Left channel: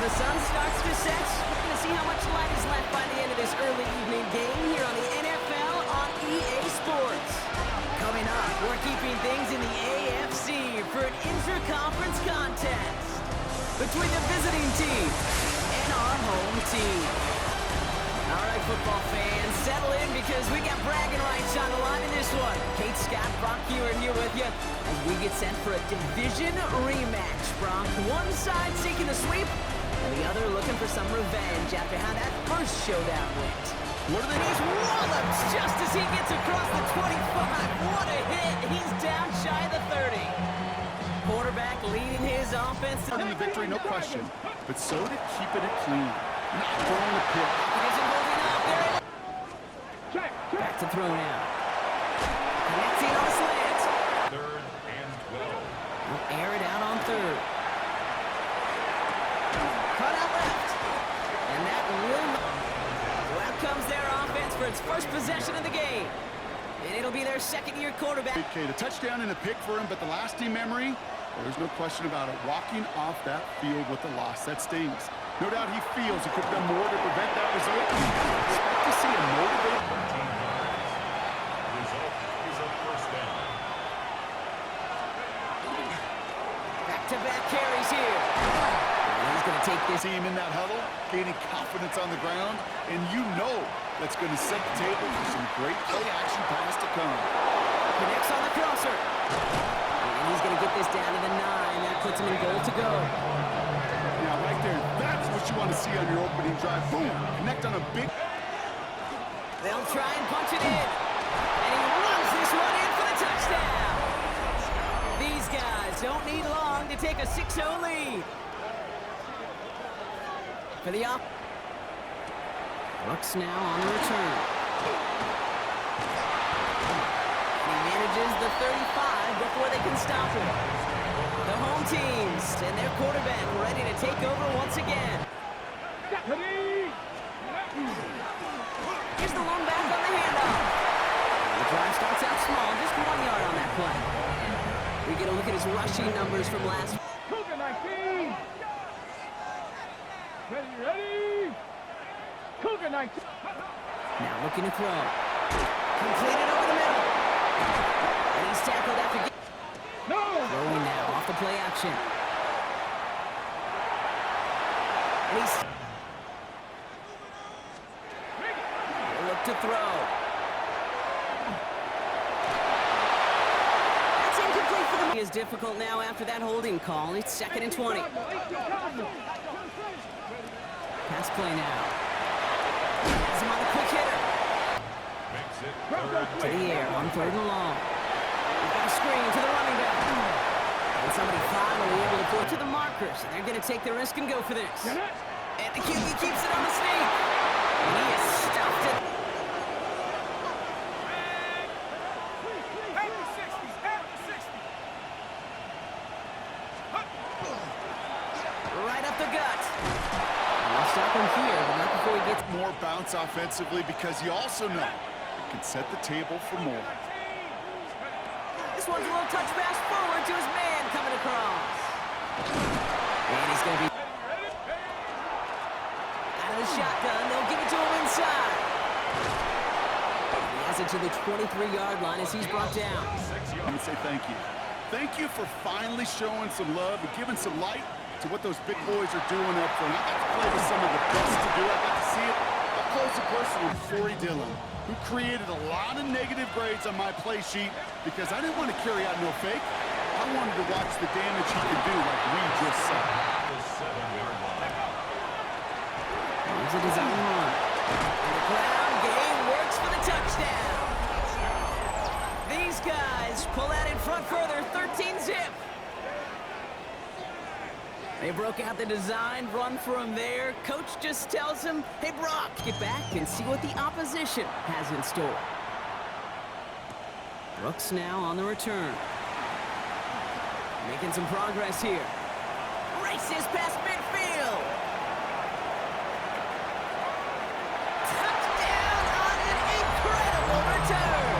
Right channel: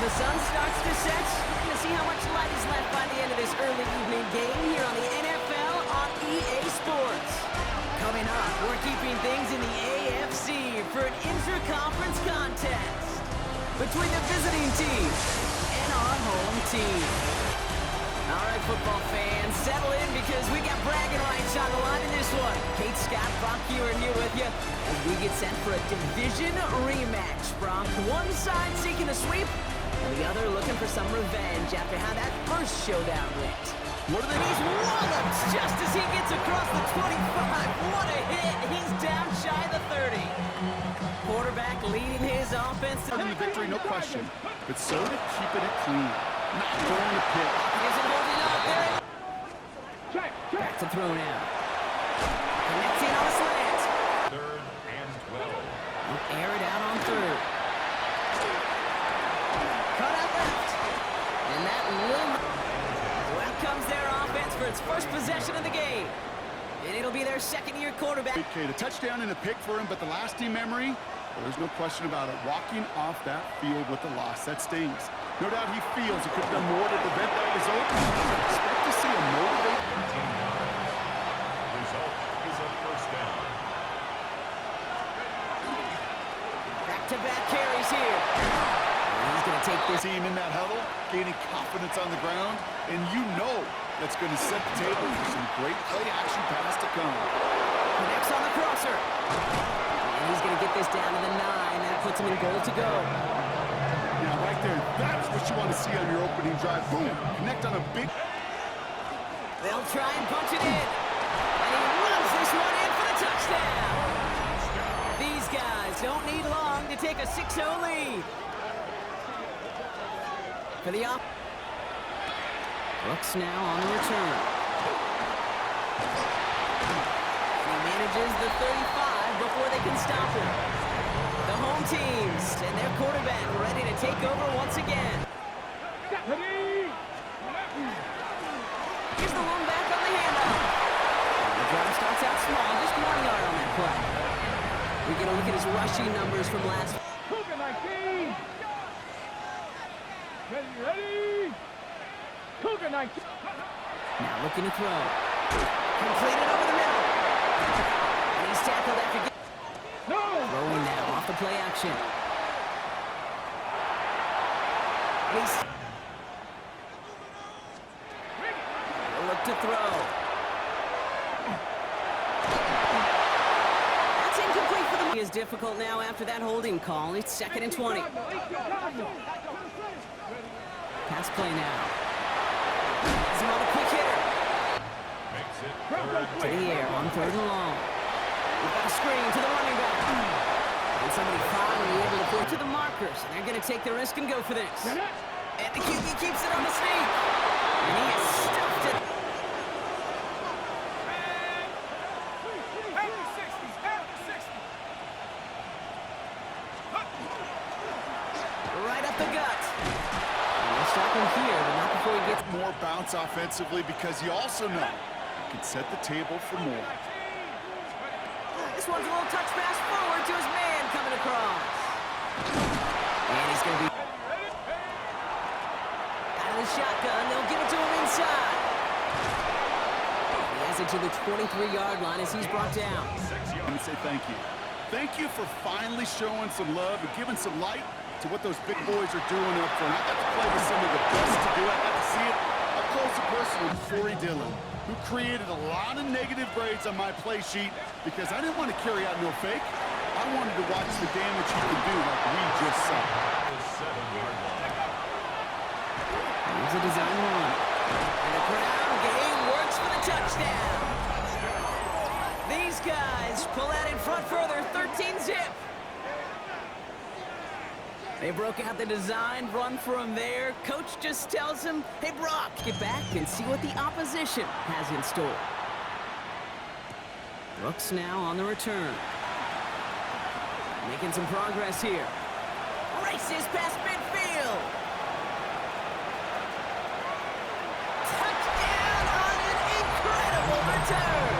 the sun starts to set, we're going to see how much light is left by the end of this early evening game here on the NFL on EA Sports. Coming up, we're keeping things in the AFC for an inter-conference contest between the visiting team and our home team. All right, football fans, settle in because we got bragging rights on the line in this one. Kate, Scott, Brock Ewan here with you as we get set for a division rematch. Brock, one side seeking a sweep, and the other looking for some revenge after how that first showdown went. What are he's walloped just as he gets across the 25. What a hit. He's down shy of the 30. Quarterback leading his offense. In the victory, no question. But so did keeping it clean. Not throwing a pick. He isn't holding up. There it is. Back to throw now. Connecting on a slant. 3rd and 12. We'll air it out on 3rd. Cut out left. And that will... So out comes their offense for its first possession of the game. And it'll be their second-year quarterback. Okay, the touchdown and a pick for him, but the lasting memory, well, there's no question about it. Walking off that field with a loss, that stings. No doubt he feels he could have done more to prevent that result. Expect to see a motivated... 13 yards. Result is a first down. Back-to-back carries here. And he's going to take this team in that huddle, gaining confidence on the ground, and you know that's going to set the table for some great play-action pass to come. Connects on the crosser. And he's going to get this down to the 9. That puts him in goal to go. Now, right there, that's what you want to see on your opening drive. Boom! Connect on a big... They'll try and punch it in. And he runs this one in for the touchdown. These guys don't need long to take a 6-0 lead. For the op... Brooks now on the return. And he manages the 35 before they can stop him. The home teams and their quarterback ready to take over once again. Here's the lone back on the handoff. The drive starts out small, just 1 yard on that play. We get a look at his rushing numbers from last... Cougar 19! Ready! Cougar 19! Now looking to throw. Completed over the middle. And he's tackled after... No! Throwing now off the play action. And he's... He'll look to throw. That's incomplete for them. It is difficult now after that holding call. It's 2nd and 20. Pass play now. Has him on a quick hitter. Makes it 3rd To the air on 3rd and long. We've got a screen to the running back. And somebody finally able to pull to the markers. And they're going to take the risk and go for this. And the QB keeps it on the sneak. And he has stuffed it. Right up the gut. And we'll stop him here, but not before he gets... More bounce offensively because you also know it can set the table for more. This one's a little touch pass forward to his man coming across. And he's going to be... Out of the shotgun, they'll give it to him inside. He has it to the 23-yard line as he's brought down. Let me say thank you. Thank you for finally showing some love and giving some light to what those big boys are doing up front. I got to play with some of the best to do it. I got to see it up close and personal with Corey Dillon, who created a lot of negative grades on my play sheet because I didn't want to carry out no fake. I wanted to watch the damage he could do like we just saw. The 7-yard line. Here's a design run. And the ground game works for the touchdown. These guys pull that in front further, 13-zip. They broke out the design run for him there. Coach just tells him, hey, Brock, get back and see what the opposition has in store. Brooks now on the return. Making some progress here. Races past midfield. Touchdown on an incredible return.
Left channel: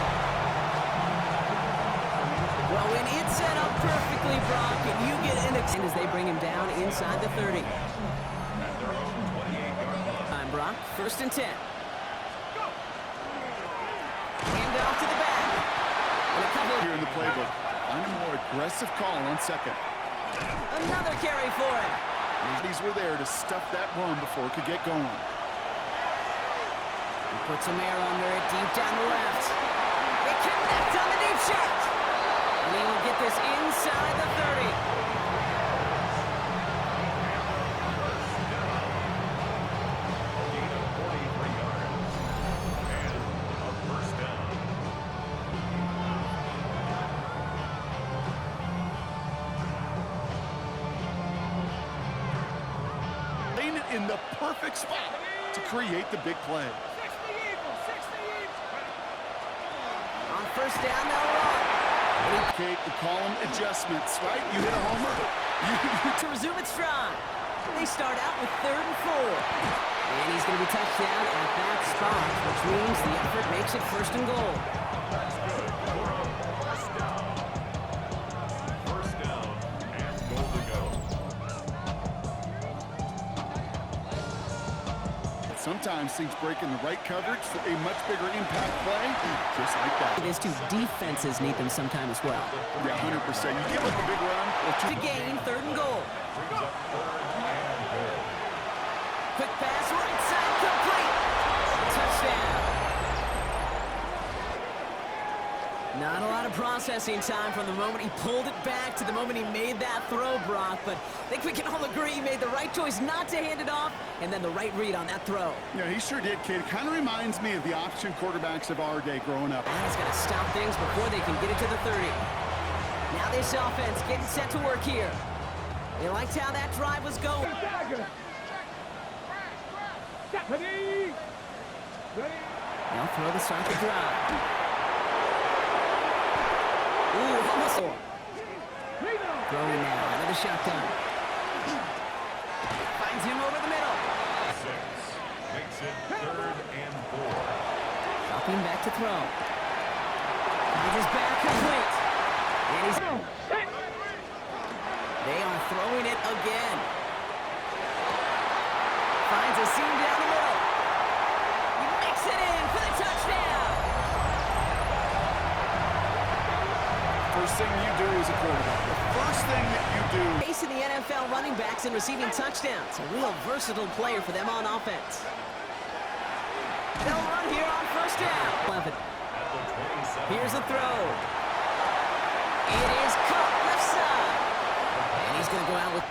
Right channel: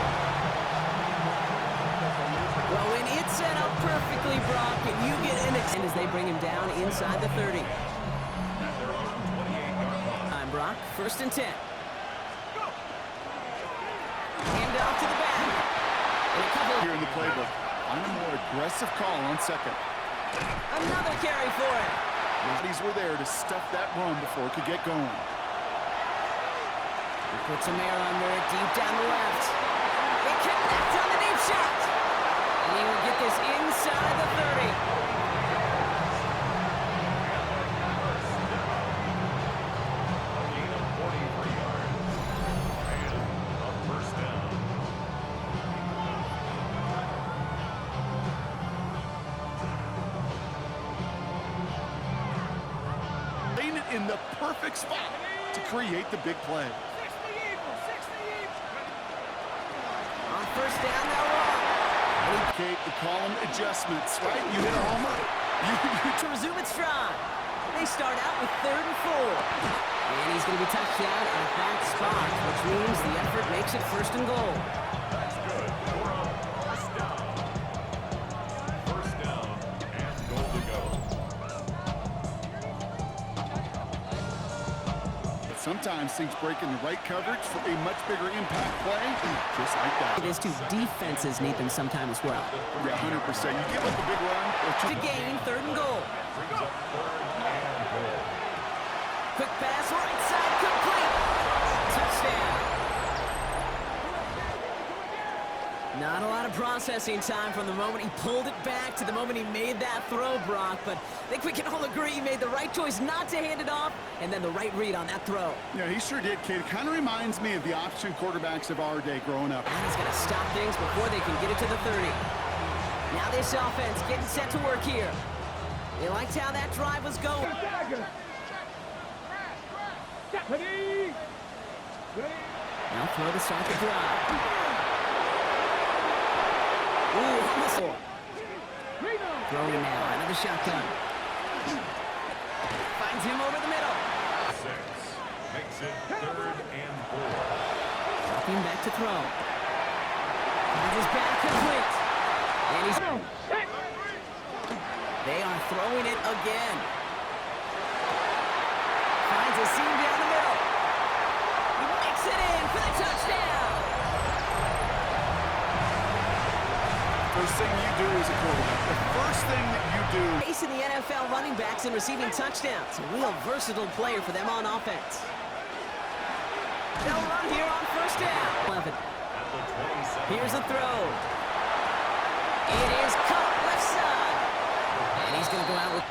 Well, when it's set up perfectly, Brock, and you get an extend as they bring him down inside the 30. time, Brock. 1st and 10. Hand off to the back. And a couple Here in the playbook, find a more aggressive call on 2nd. Another carry for him. These were there to stuff that run before it could get going. He puts some air under it, deep down the left. They connect on the deep shot. And he will get this inside the 30. A gain of 43 yards. And a first down. Laying it in the perfect spot to create the big play. On 1st down, they'll run. Kate, we call them adjustments, right? You hit a homer, To resume its stride. They start out with 3rd and 4. And he's going to be touched down at that spot, which means the effort makes it 1st and goal. That's good. For a first down. First down and goal to go. Sometimes things break in the right coverage for a much bigger impact play, just like that. It is too. Defenses need them sometime as well. Yeah, 100%. You give up a big run. To gain 3rd and goal. Brings up 3rd and goal. Quick pass, right side, complete. Touchdown. Not a lot of processing time from the moment he pulled it back to the moment he made that throw, Brock. But I think we can all agree he made the right choice not to hand it off, and then the right read on that throw. Yeah, he sure did, kid. It kind of reminds me of the option quarterbacks of our day growing up. And he's going to stop things before they can get it to the 30. Now this offense getting set to work here. They liked how that drive was going. Ready? Now throw to start the drive. Ooh, almost. Throwing now out of the shotgun. Finds him over the middle. 6. Makes it 3rd and 4. Dropping back to throw. Finds his back complete. And he's... They are throwing it again. Finds a seam down the middle. He makes it in for the touchdown. First thing you do as a quarterback, the first thing that you do. Facing the NFL running backs and receiving touchdowns. A real versatile player for them on offense. They'll run here on 1st down. 11. At the 27. Here's a throw. It is caught left side. And he's going to go out with...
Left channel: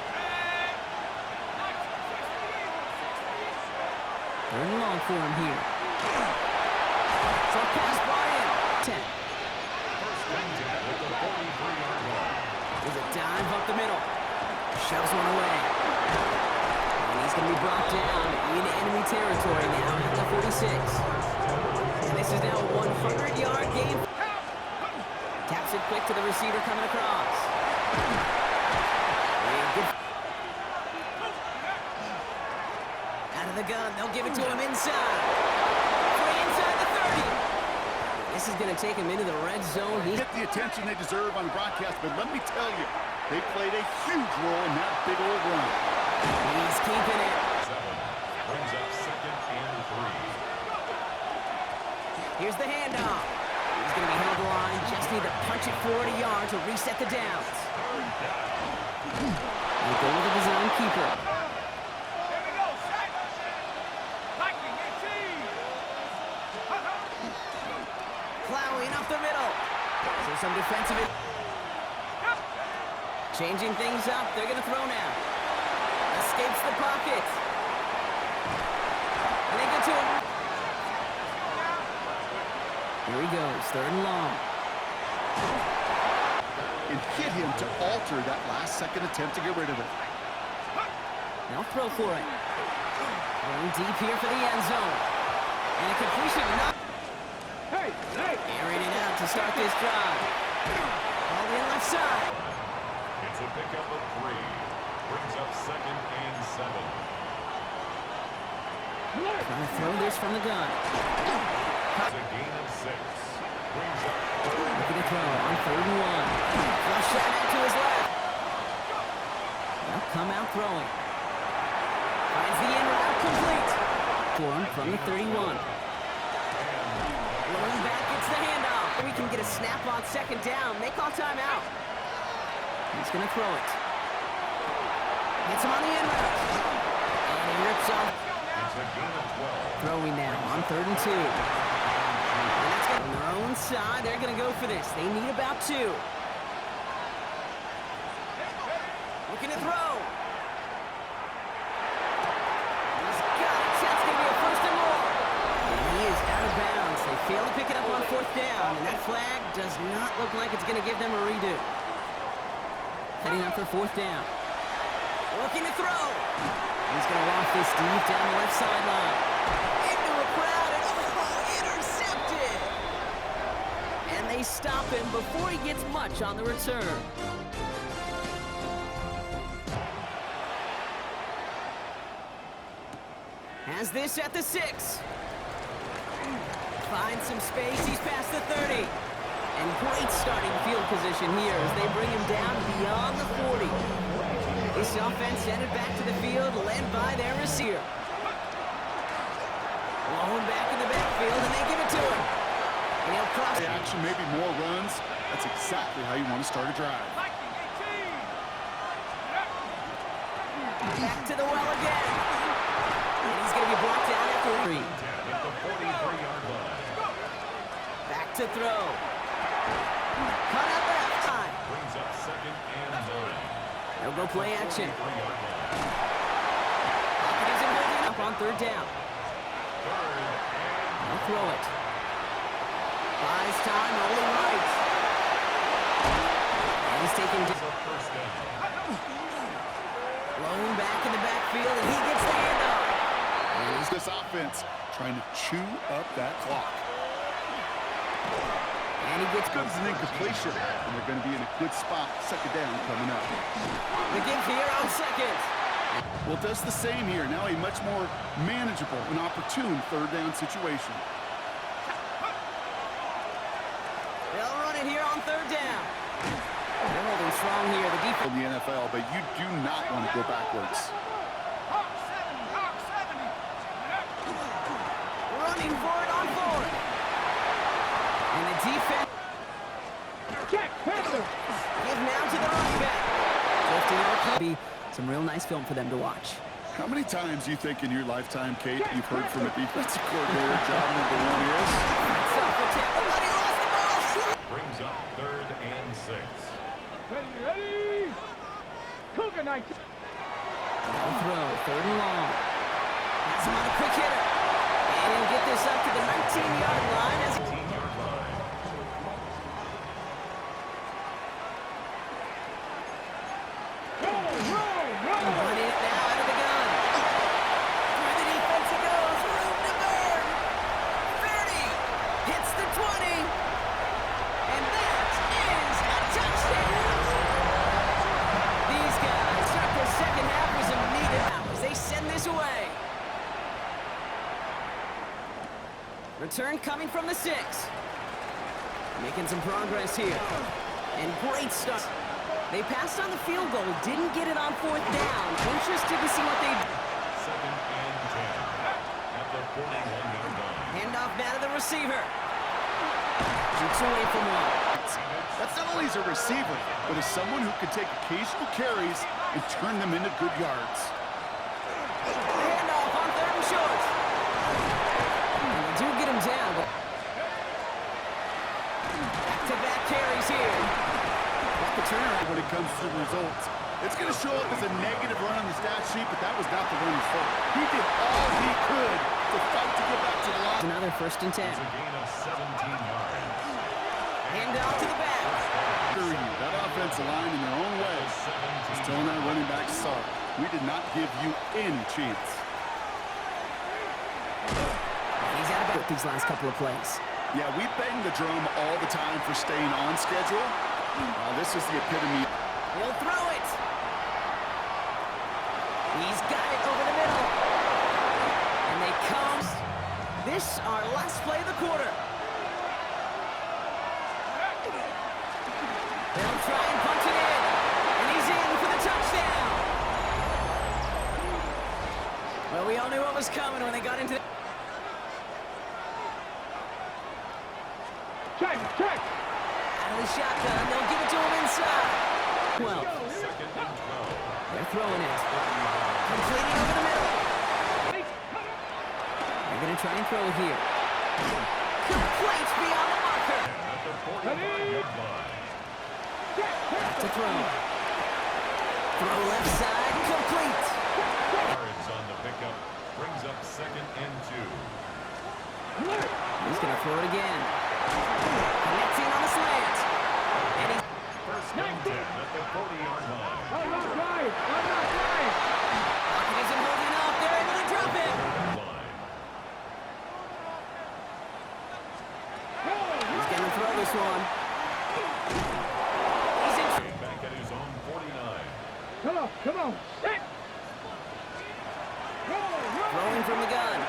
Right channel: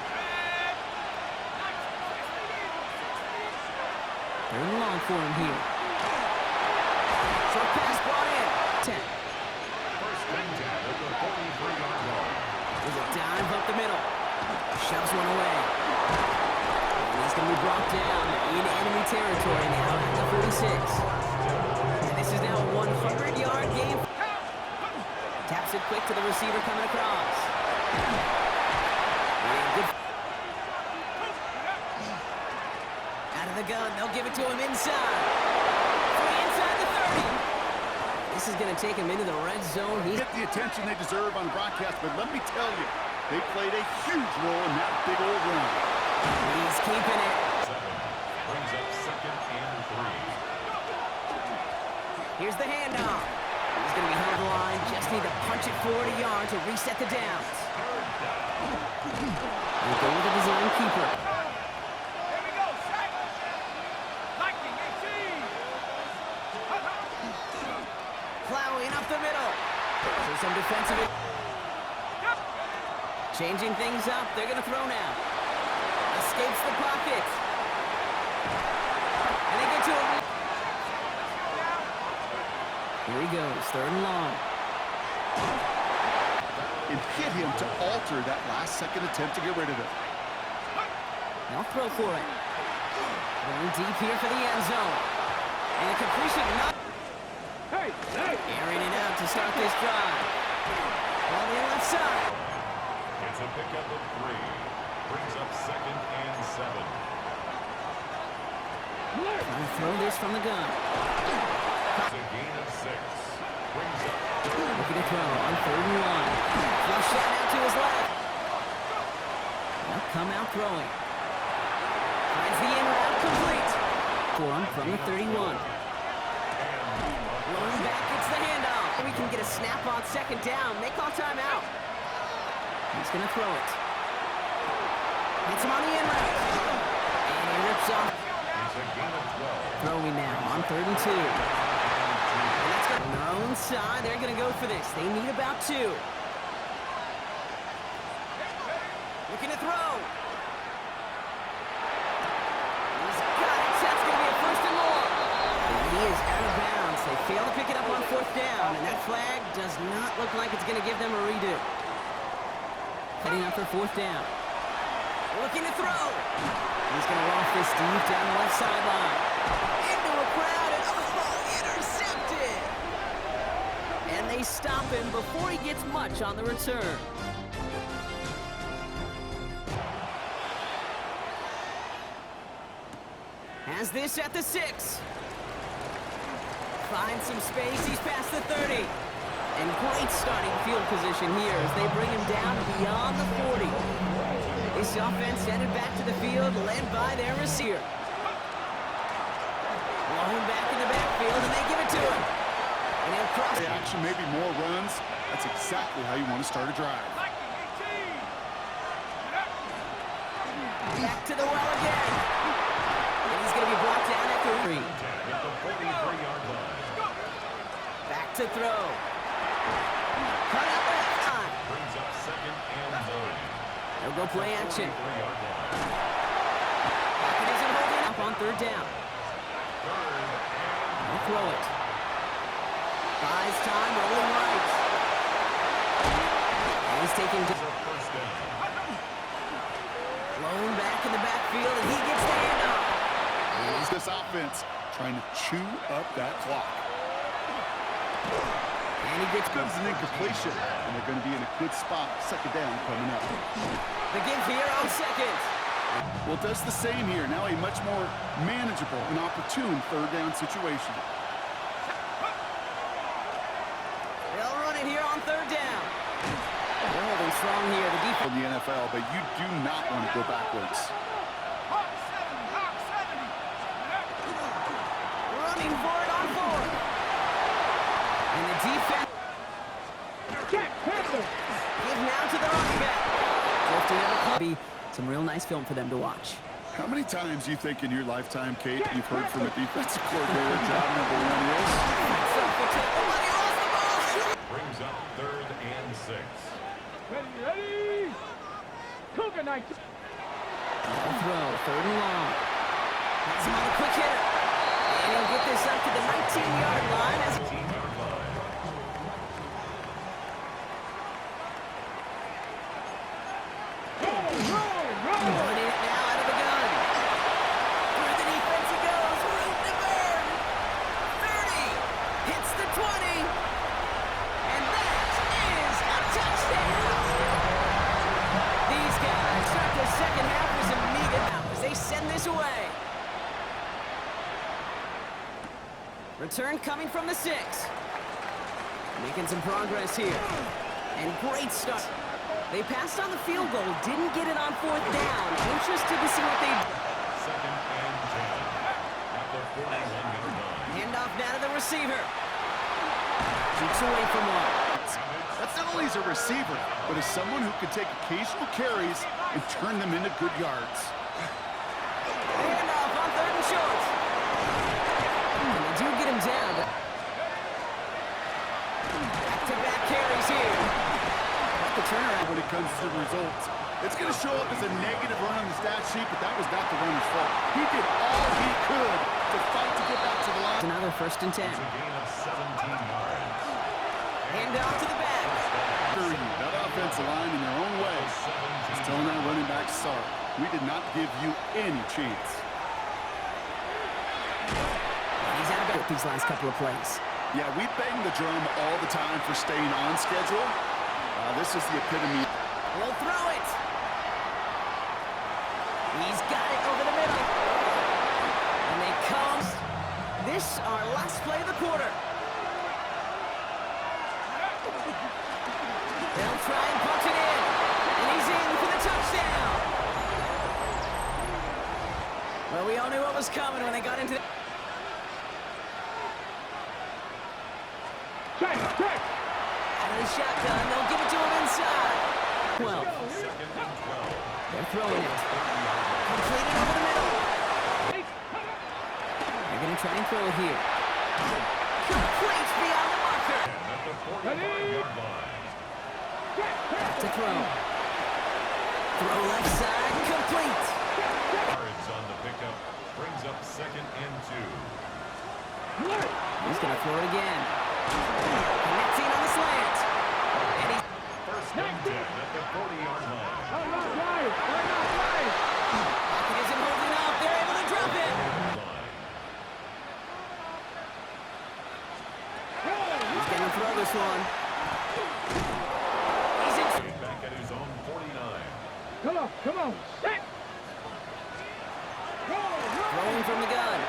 3rd and long for him here. Short pass brought in. 10. First and 10 at the 43-yard line. There's a dive up the middle. Shoves one away. And he's going to be brought down in enemy territory now at the 46. And this is now a 100-yard game. Taps it quick to the receiver coming across. And good. Out of the gun, they'll give it to him inside. Free inside the 30. This is going to take him into the red zone. He's Get the attention they deserve on the broadcast, but let me tell you, they played a huge role in that big old run. keeping it. 7 brings up 2nd and 3. Here's the handoff. He's going to be held to line. Just need to punch it 40 yards to reset the downs. We'll go with the design keeper. Here we go, set. Lightning, 18. Plowing up the middle. So some defensive... Changing things up. They're going to throw now. Escapes the pocket. And they get to him. Here he goes. 3rd and long. And hit him to alter that last-second attempt to get rid of it. Now throw for it. Going deep here for the end zone. And a completion not... Hey, hey. Airing it out to start this drive. All in left side. It's a pickup of 3. Brings up 2nd and 7. Trying to throw this from the gun. It's a gain of 6. Brings up 3rd. Looking to throw on 3rd and 1. Flush shot out to his left. Now come out throwing. Finds the in route complete. for him from the 31. Lone back gets the handoff. We can get a snap on second down. They call timeout. He's going to throw it. Hits him on the in route. And he rips off. It's a gain of 12. Throwing now on 3rd and 2. And that's good. On their own side, they're going to go for this. They need about 2. Looking to throw. He's got it. That's going to be a 1st and more. And he is out of bounds. They fail to pick it up on 4th down. And that flag does not look like it's going to give them a redo. Heading up for 4th down. Looking to throw. He's going to loft this deep down the left sideline. Into a crowd and intercepted. And they stop him before he gets much on the return. Has this at the 6. Finds some space. He's past the 30. And great starting field position here as they bring him down beyond the 40. This offense headed back to the field, led by their receiver. Blown back in the backfield, and they give it to him. And he'll cross. The action, maybe more runs. That's exactly how you want to start a drive. Back to the well again. And he's going to be brought down after 3. At the 43-yard line. Back to throw. Cut out left time. Brings up 2nd and 9. They'll go play action. 43-yard line. Pocket isn't holding up on 3rd down. 3rd and They'll throw it. Buys time, rolling right. And he's taking a 1st down. blown back in the backfield, and he gets the handoff. And it's this offense trying to chew up that clock. And he gets Good as an incompletion, and they're going to be in a good spot. 2nd down coming up. the give here on 2nd. Well, it does the same here. Now a much more manageable and opportune 3rd down situation. They'll run it here on 3rd down. They're holding strong here. The defense. In the NFL, but you do not want to go backwards. Hawk 70. Running for it on 4th. And the defense. Jack Panther. Give now to the running back. Drifting out of club. Be some real nice film for them to watch. How many times do you think in your lifetime, Kate, you've heard from a defensive coordinator job number 1 is? That's off the tackle, but he lost the ball. Brings up 3rd and 6. Ready? Cougar night. They'll throw, 3rd and long. Has him on a quick hitter. And he'll get this up to the 19-yard line as he 18-yard line. running it now out of the gun. Through the defense he goes, room to burn. 30, hits the 20. And that is a touchdown. These guys start the 2nd half with some needed hours. They send this away. Return coming from the 6. Making some progress here. And great start. They passed on the field goal, didn't get it on 4th down. Interested to see what they... 2nd and 10. At the 41-yard line. Handoff now to the receiver. Jukes away from one. That's not only as a receiver, but as someone who can take occasional carries and turn them into good yards. Handoff on 3rd and short. And they do get him down, but... Back-to-back carries here. Back the turnaround. When it comes to the results, it's going to show up as a negative run on the stat sheet, but that was not the runner's fault. He did all he could to fight to get back to the line. Another 1st and 10. It's a gain of 17 yards. Handoff to the back. That offensive line in their own way is telling that running back, sorry, we did not give you any chance. He's out of bounds these last couple of plays. Yeah, we bang the drum all the time for staying on schedule. This is the epitome. He'll throw it. He's got it over the middle. And they come. This our last play of the quarter. They'll try and punch it in. And he's in for the touchdown. Well, we all knew what was coming when they got into the... Check. Out of the shotgun, they'll give it to him inside. 12. Second and 12. They're throwing it. Completed over the middle. They're going to try and throw it here. Complete beyond the marker. At the 45-yard line. Back to throw. Throw left side, complete. Yards on the pickup. Brings up second and 2. He's going to throw it again. Connecting on the slant. And he's... First and 10 at the 40-yard line. Pocket isn't holding up. They're able to drop it. Line. He's going to throw this one. He's in... Back at his own 49. Come on. Set. Throwing from the gun.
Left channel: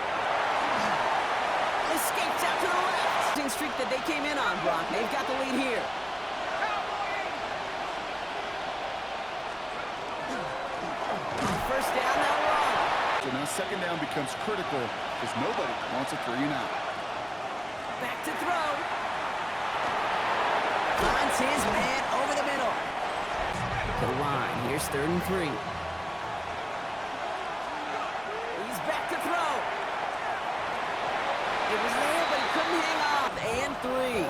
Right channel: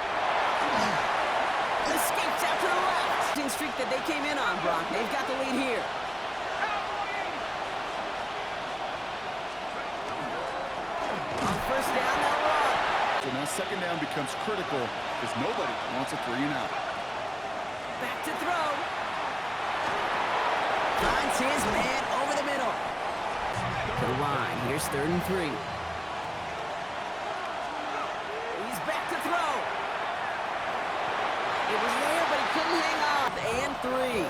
Escapes out to the left. Streak that they came in on, Brock. They've got the lead here. On first down, they'll run. So now second down becomes critical because nobody wants a 3 and out. Back to throw. Finds his man over the middle. To the line. Here's 3rd and 3. He's back to throw. It was there, but he couldn't hang on. And 3.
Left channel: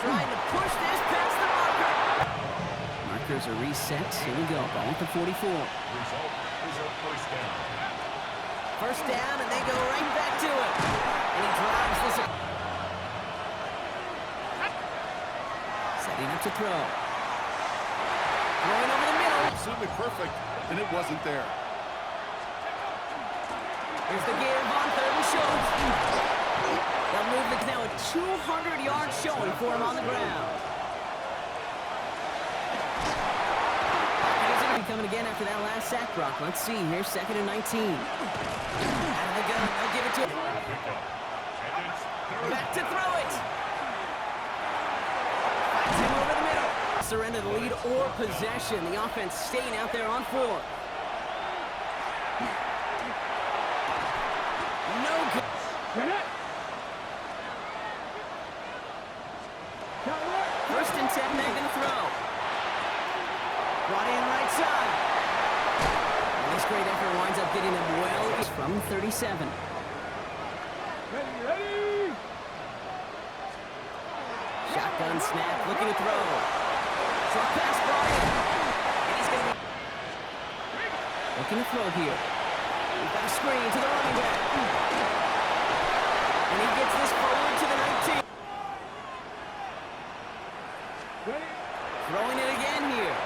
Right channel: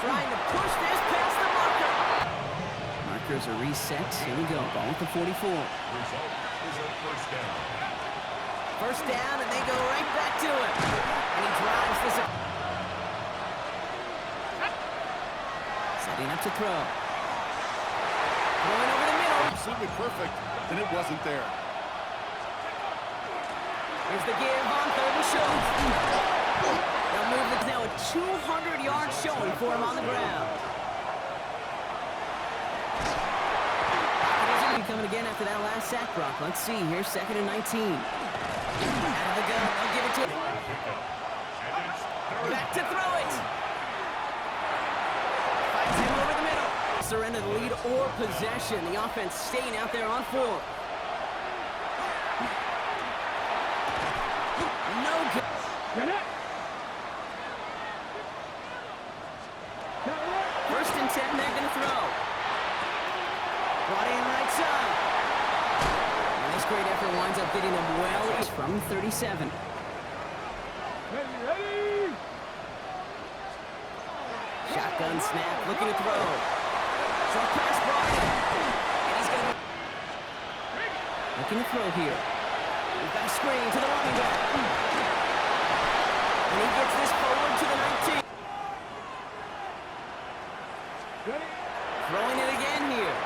Trying to push this past the marker. Markers are reset. Here we go. Ball at the 44. Result is a first down. First down, and they go right back to him. And he drives this. Setting up to throw. Throwing over the middle. Absolutely perfect, and it wasn't there. Here's the give on 3rd and short. They'll move the now a 200-yard showing for him on the ground. Pocket isn't be coming again after that last sack, Brock. Let's see. Here's 2nd and 19. Out of the gun. They'll give it to him. And it's third. Back to throw it. Finds him over the middle. Surrender the lead or possession. The offense staying out there on 4. No good. First and 10, they're going to throw. Brought in right side. And this great effort winds up getting him well. He's from 37. Ready. Shotgun snap, looking to throw. Short pass brought in. And he's going to be looking to throw here. He's got a screen to the running back. And he gets this forward to the 19. Throwing it again here.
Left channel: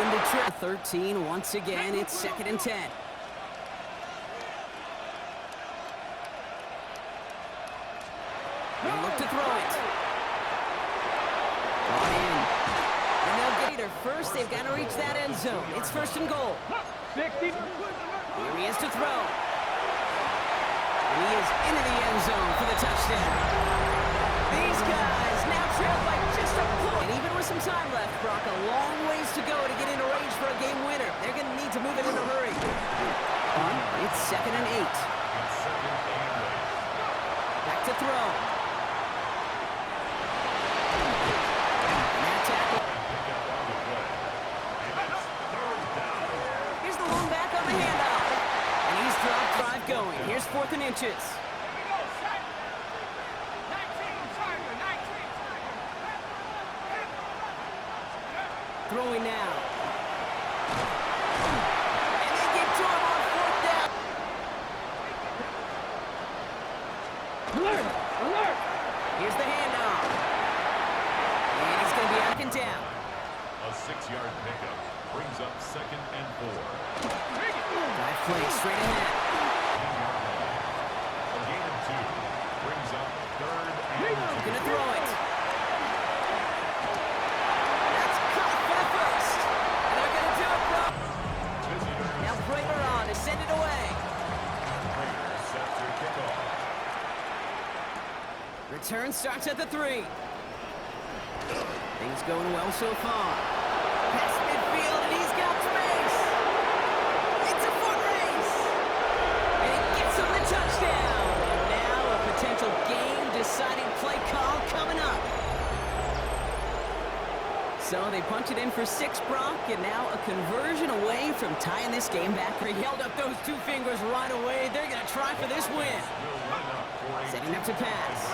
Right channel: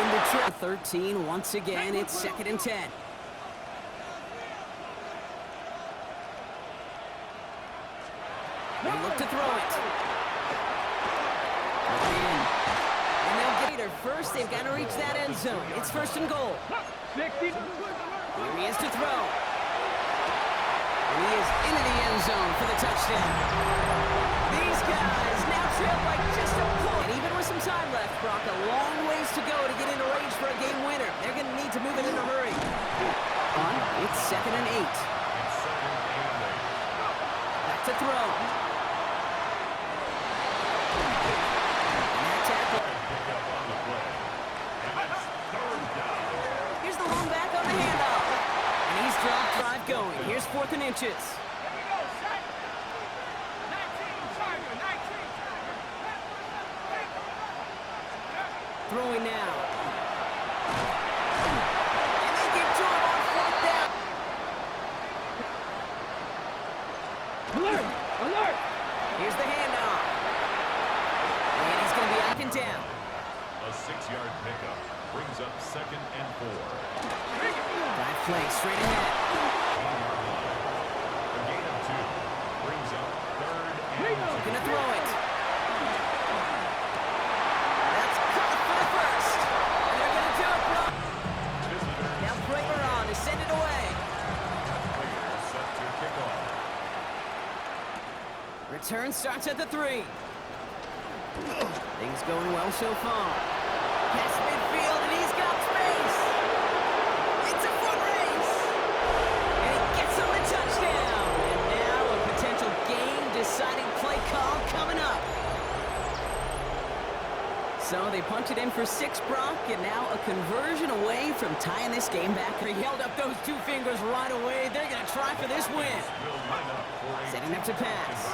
Into trap 13 once again. It's 2nd and 10. They look to throw it. Brought in. And they'll get it. First, they've got to reach that end zone. It's 1st and goal. 60. Here he is to throw. And he is into the end zone for the touchdown. These guys now trail by just a point. And even with some time left, Brock, a long ways to go to get into range for a game winner. They're going to need to move it in a hurry. It's 2nd and 8. It's second and 8. Back to throw. And that tackle. Pick up on the play. And it's third down. Here's the long back on the handoff. And he's dropped. Drive going. Here's 4th and inches. Here we go, set. 19 Tiger. Throwing now. And they give to him on 4th down. Alert. Here's the handoff. And he's going to be out and down. A 6-yard pickup brings up second and 4. Dive play straight ahead. 18-yard line. A gain of 2 brings up third and 2. Going to throw it. That's caught for the first. And they're going to do it, bro. Visitors. Now Prater on to send it away. Raiders set to kick off. Return starts at the 3. Things going well so far. Pass midfield. field, and he's got space. It's a foot race. And he gets him the touchdown. And now a potential game-deciding play call coming up. So they punch it in for 6, Brock, and now a conversion away from tying this game back. He held up those 2 fingers right away. They're going to try for this win. Setting up to pass.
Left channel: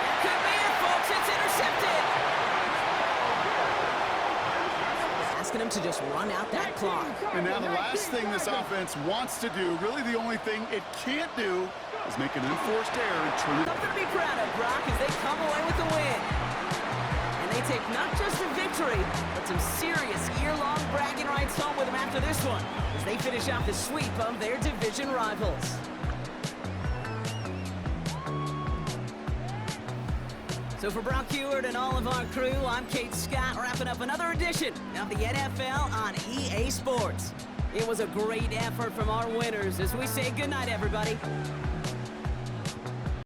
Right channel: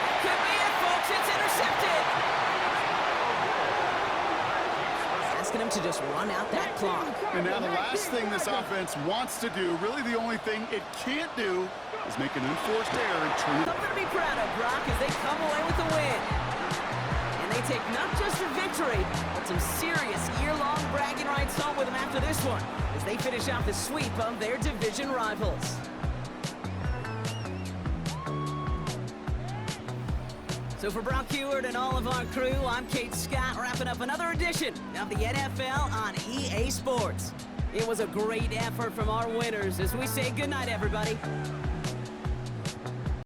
That could be it, folks. It's intercepted. Asking him to just run out that clock. And now the last thing this offense wants to do, really the only thing it can't do, is make an unforced error and turn it. Something to be proud of, Brock, as they come away with the win. And they take not just a victory, but some serious year-long bragging rights home with them after this one, as they finish off the sweep of their division rivals. So for Brock Heward and all of our crew, I'm Kate Scott, wrapping up another edition of the NFL on EA Sports. It was a great effort from our winners as we say goodnight, everybody.